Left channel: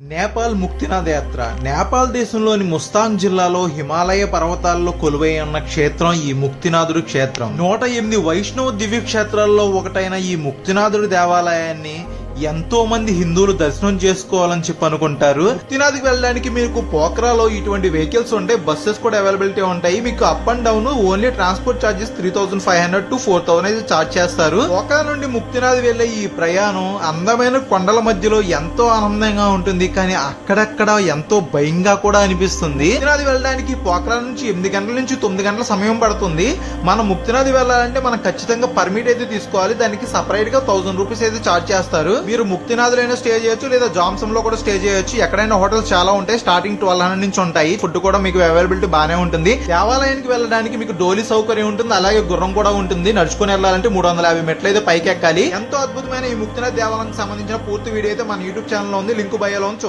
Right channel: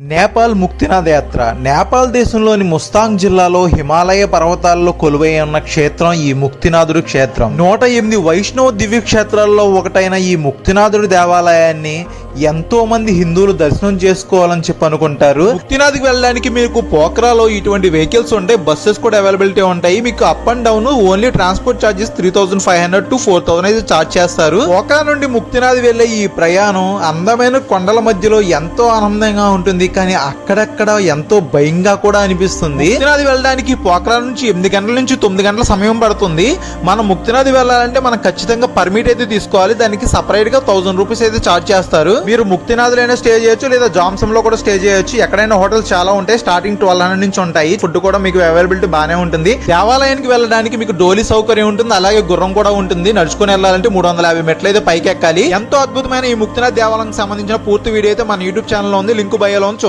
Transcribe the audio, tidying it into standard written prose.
నేపాల్ ముక్తినాథ్ యాత్ర. నేపాల్ దేశంలోని ముస్తాంగ్ జిల్లాలో హిమాలయ పర్వతాల్లో కొలువై ఉన్న క్షేత్రం ఈ ముక్తినాథుడి క్షేత్రం. 108 వైష్ణవ దివ్య క్షేత్రాల్లో ఒకటైన ఈ ముక్తినాథుడి దేవాలయాన్ని ఎంతో మంది హిందువులు దర్శనం చేసుకోవాలని చెప్పి అనుకుంటారు. ముక్తినాథ్కి వెళ్ళడానికి మీకు పోఖ్రాలో ఇటువంటి వెహికల్స్ ఉంటాయి, బస్సెస్ కూడా అవైలబిలిటీ ఉంటాయి. మీకు up and down only transport charges 3500 to 4000 అయితే చార్జ్ చేస్తారు. పోఖ్రా నుండి ముక్తినాథ్ వెళ్లే ఈ ప్రయాణం అందమైన కొండల మధ్యలో ఎంతో ఆనందంగా ఉంటుంది, కానీ అక్కడక్కడ ఎంతో భయంగా కూడా అనిపిస్తుంది. ముక్తినాథ్ వెళ్ళడానికి పోఖ్రా నుంచి 8 గంటల నుంచి 9 గంటల సమయం పడుతుంది. మనం ముక్తినాథ్ వెళ్ళాలంటే మనం ఖచ్చితంగా పర్మిట్ అయితే తీసుకోవాలి. దానికి సపరేట్ గా 1000 రూపీస్ అయితే చార్జ్ చేస్తారు. మీరు ముక్తినాథ్ లోనే స్టే చేయొచ్చు, లేదా జామ్సమ్ లో కూడా స్టే చేయొచ్చు. ఎక్కడైనా హోటల్స్ చాలా ఉంటాయి, స్టార్టింగ్ 1200 నుంచి ఉంటాయి. ఫుడ్ కూడా మీకు అవైలబిలిటీ బాగానే ఉంటుంది. దేవాలయానికి వెళ్ళడానికి మీకు డోలీ సౌకర్యం ఉంటుంది, అలాగే గుర్రం కూడా ఉంటుంది. నడుచుకుని వెళ్ళాలంటే 350 మెట్లు అయితే పైకి ఎక్కాలి. ఎంతో అద్భుతమైన ఈ ముక్తినాథ్ దేవాలయానికి సంబంధించిన పూర్తి వీడియో అయితే మన యూట్యూబ్ ఛానల్ లో ఉంది, లింక్ బయోలో ఉంది.